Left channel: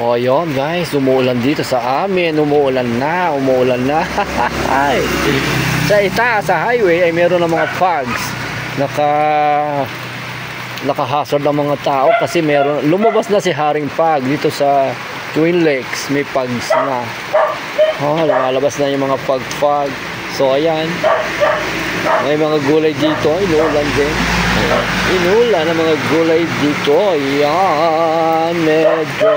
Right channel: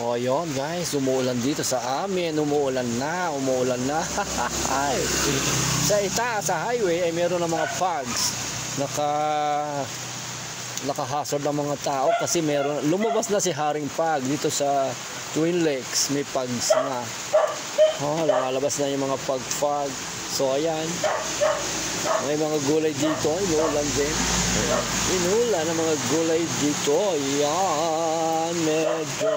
O yun guys, umuulan dito sa amin. Umuulan na. Sa itaas, sa highway ay meron ng mga fogs. Nakahasard ng mga tao kasi meron, lumabas na si Haring Fog dito sa Twin Lakes. May fogs na. Lumalabas na yung mga fog. So ayan, may mga gulay dito. Inuulan din. Inuulan ang mga gulay dito. Ayan, medyo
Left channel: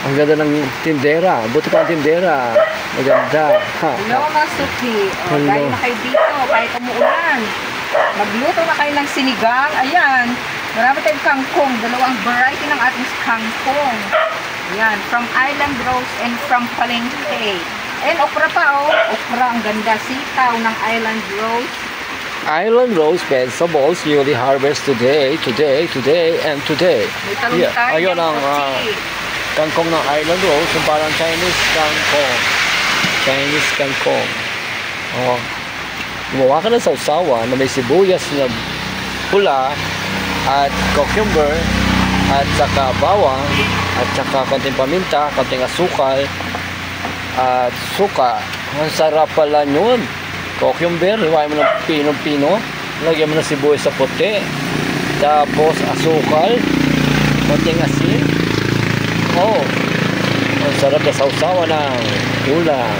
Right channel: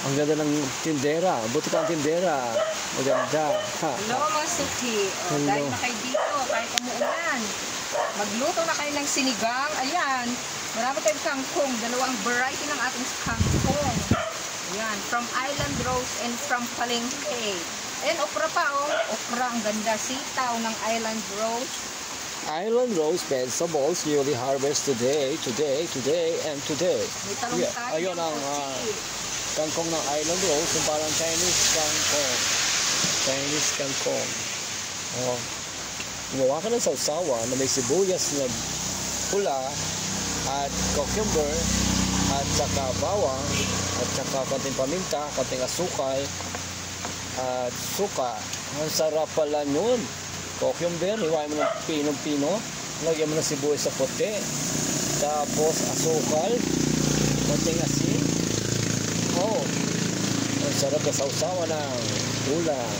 ang ganda ng tindera. Buti pa ang tindera. Maganda. Hello mga suki. Dahil na kayo dito kahit umuulan. Magluto na kayo ng sinigang. Ayan, marami tayong kangkong. Dalawang variety ng ating kangkong. Ayan, from Island Rose and from Palengke. And okra pa okra, ang ganda. Sitaw ng Island Rose. Island Rose vegetables newly harvest today. May talong tayo. Ayun ang kangkong ng Island Rose, yung parang Chinese kangkong. Gumawa ka ng sausawan na may sibuyas na pula at cucumber at saka bawang at saka konting paminta, konting asukal at suka. Ang sarap pala yun. Cucumber, hiwain mo ng pinong-pino, lagyan mo ng sibuyas sa puti, tapos asukal, konting asin. Ang sarap na sausawan ng ulam.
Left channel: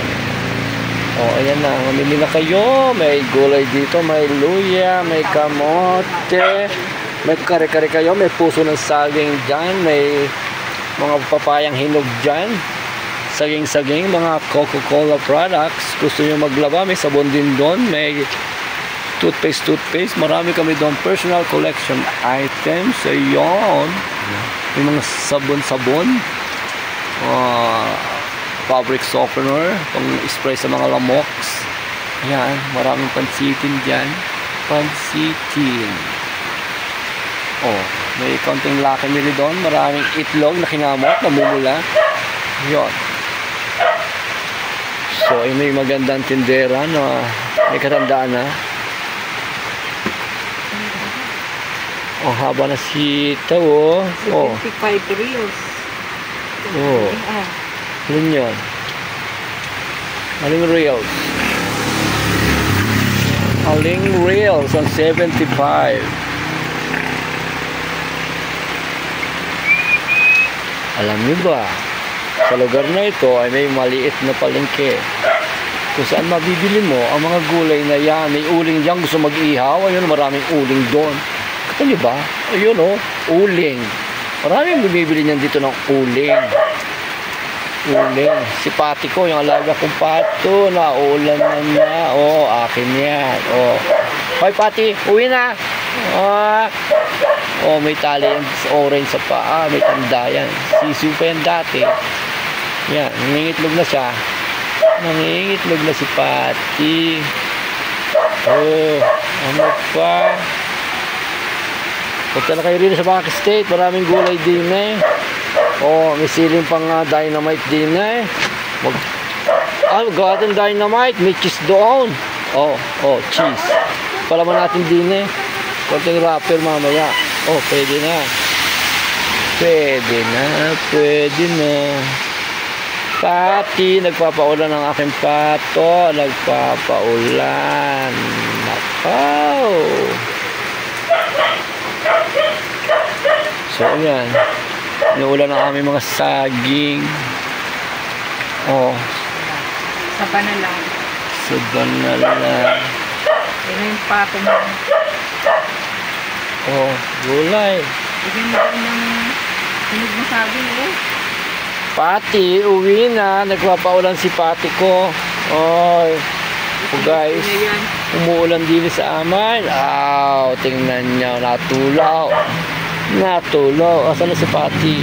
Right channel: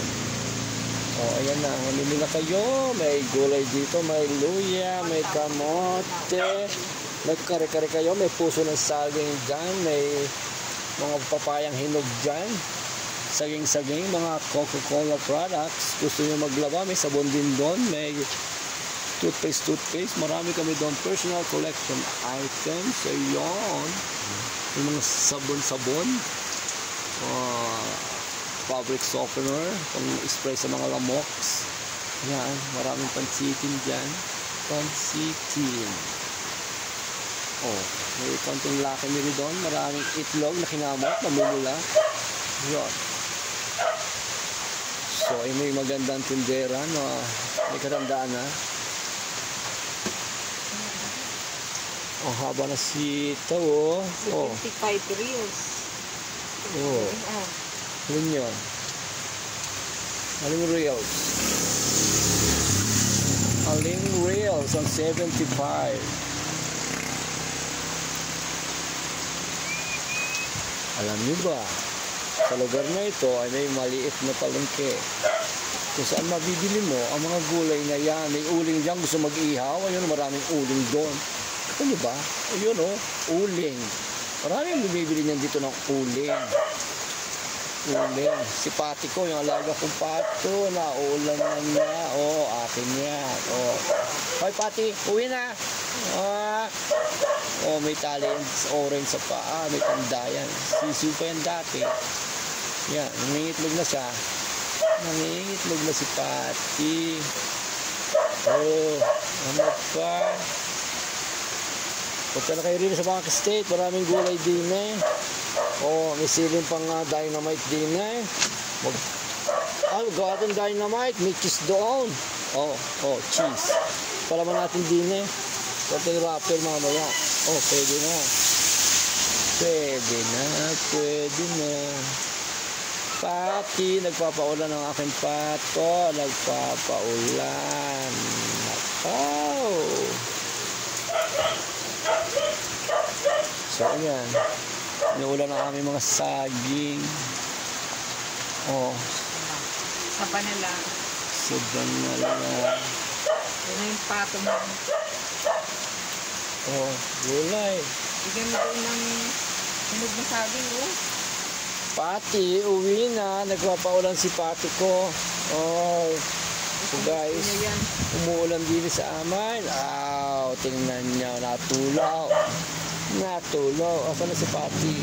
Ayan na, mamili na kayo. May gulay dito, may luya, may kamote, may kare-kare kayo, may puso ng saging dyan, may mga papayang hinog dyan, saging-saging, mga Coca-Cola products. Gusto nyo maglaba, may sabon din doon, may toothpaste, marami kami doon, personal collection items. Ayun, may mga sabon, fabric softener, pang spray sa mga lamoks. Ayan, maraming pansitin dyan. May konting laki nili doon. Maraming itlog na kinamot, namumula. Ayan. So, may magandang tindera na may katandaan na. Haba na sitaw. 55 reals. Alin yun? Aling reels ang 75. Alam niyo ba, sa lugar na ito ay may maliit na palengke kung saan mabibili mo ang mga gulay na yan. May uling dyan, gusto mag-ihaw, ayun, maraming uling doon. Kata niyo ba? Ayun uling. Maraming bumibili niyan dito ng uling. Si Pati ko, yung alaga kong pato, naulan na. Akin yan. Hoy Pati, uwi na. May tali yung orange sa paa, may tanda yan. Sisiw pa yan dati. Yan, nangingitlog na siya. Nangingitlog na si Pati. Ano pa? Punta na kayo rin sa Back State, maraming gulay din may siling pang dynamite din gawa natin dynamite, may cheese doon. Cheese. Palaman natin din konting wrapper mamaya. Pwede na. Pati, nagpapaulan ang aking pato. Nagpapaulan. Nakaw. So, ayan. Inuulan ang aming mga saging. Sa banalan. Yan yung pato mo. Gulay. Bigyan mo rin ng hinog mo saging Pati, uwi na. Nagpapaulan si Pati ko. Guys, umuulan din sa amin. Tingnan niyo, natulaw. Asan na si Pati?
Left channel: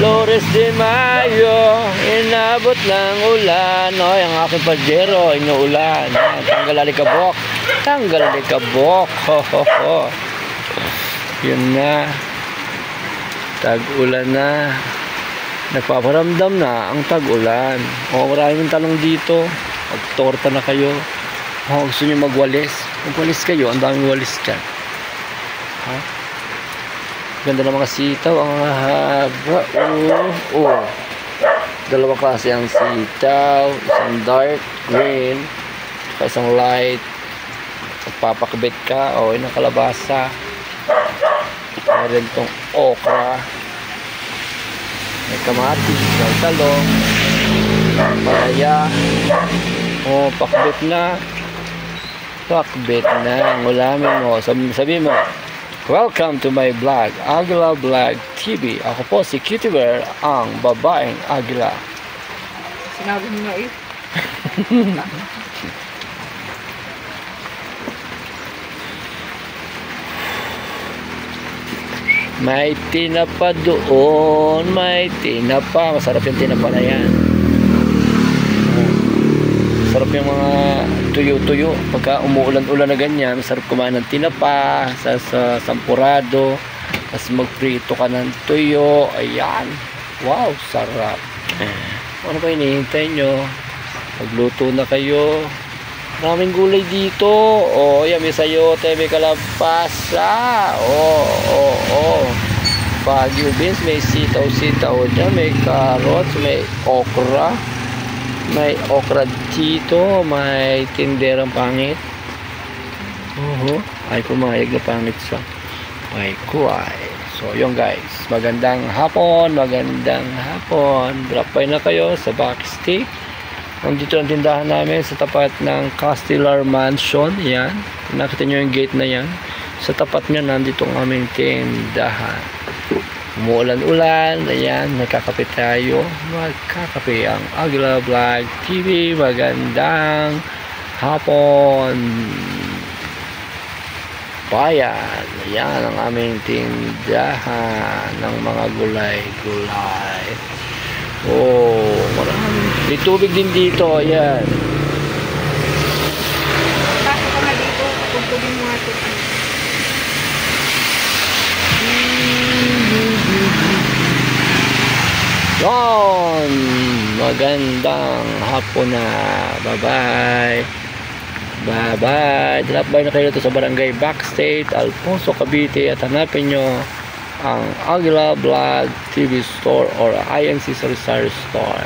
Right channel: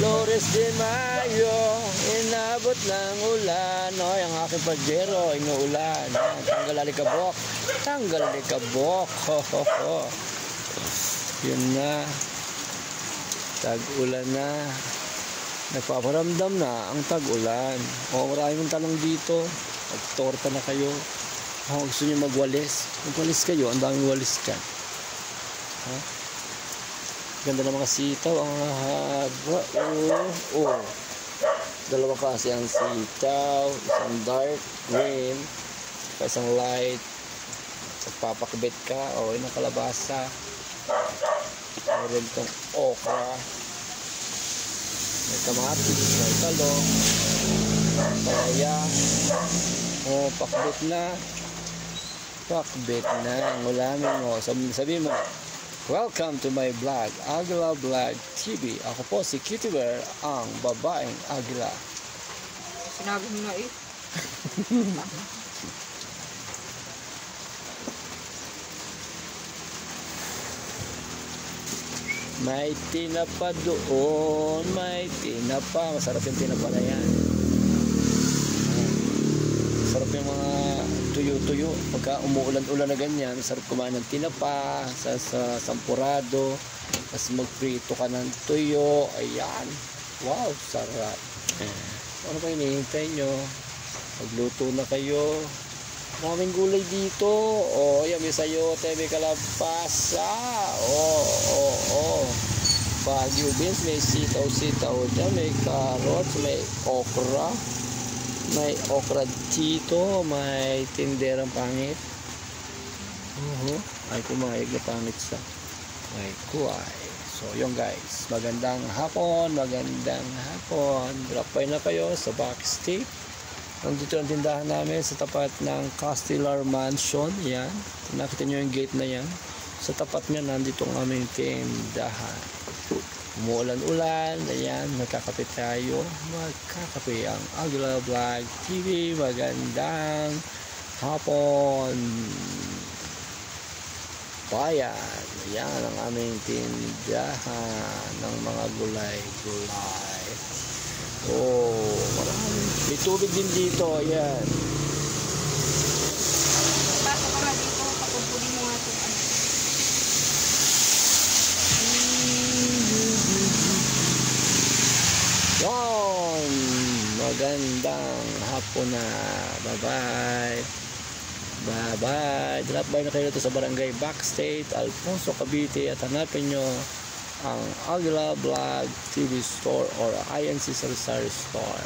Flores de Mayo, inabot ng ulan. Ang aking pajero, inuulan. Tanggal alikabok. Yun na. Tag-ulan na. Nagpaparamdam na ang tag-ulan. Maraming talong dito. Magtorta na kayo. Gusto nyo magwalis? Magwalis kayo, ang daming walis dyan. Ganda ng mga sitaw. Ang haba. Dalawang klase ang sitaw. Isang dark green. Isang light. Papakabit ka. Yun ang kalabasa. Meron itong okra. May kamatis. May talong. Palaya. Pakbit na. Pakbit na. Ang ulamin mo. Sabi mo, welcome to my vlog, Aguila Vlog TV. Ako po si Cutie Bear, ang babaeng Aguila. Sinabi mo na eh. May tinapa doon. May tinapa. Masarap yung tinapa na yan. Masarap yung mga tuyo-tuyo. Pagka umuulan-ulan na ganyan, masarap kumain ng tinapa sa sampurado. Tapos magprito ka ng tuyo. Ayan. Wow, sarap. Ano ba hinihintay nyo? Magluto na kayo. Maraming gulay dito. Yan, may sayote, may kalabasa. Baguio beans, may sitaw-sitaw dyan, may carrots, may okra. May okra dito, may tinderang pangit. Ay pumayag na pangit sa may kuway. So yun guys, magandang hapon. Drop by na kayo sa Backstick. Nandito ang tindahan namin sa tapat ng Castellar Mansion. Yan, nakita nyo yung gate na yan. Sa tapat nyo nandito ang aming tindahan. Umuulan-ulan, ayan, nagkakape tayo. Magkakape ang Aguila Vlog TV. Magandang hapon, bayan. Ayan ang aming tindahan ng mga gulay-gulay. Marami. May tubig din dito, ayan. Pasok ka na dito, pagtugtugin mo nga ito. Yon, magandang hapon na. Bye bye. Drop by na kayo dito sa Barangay Backstate, Alfonso, Cavite, at hanapin nyo ang Aguila Vlog TV Store or INC Sari Store.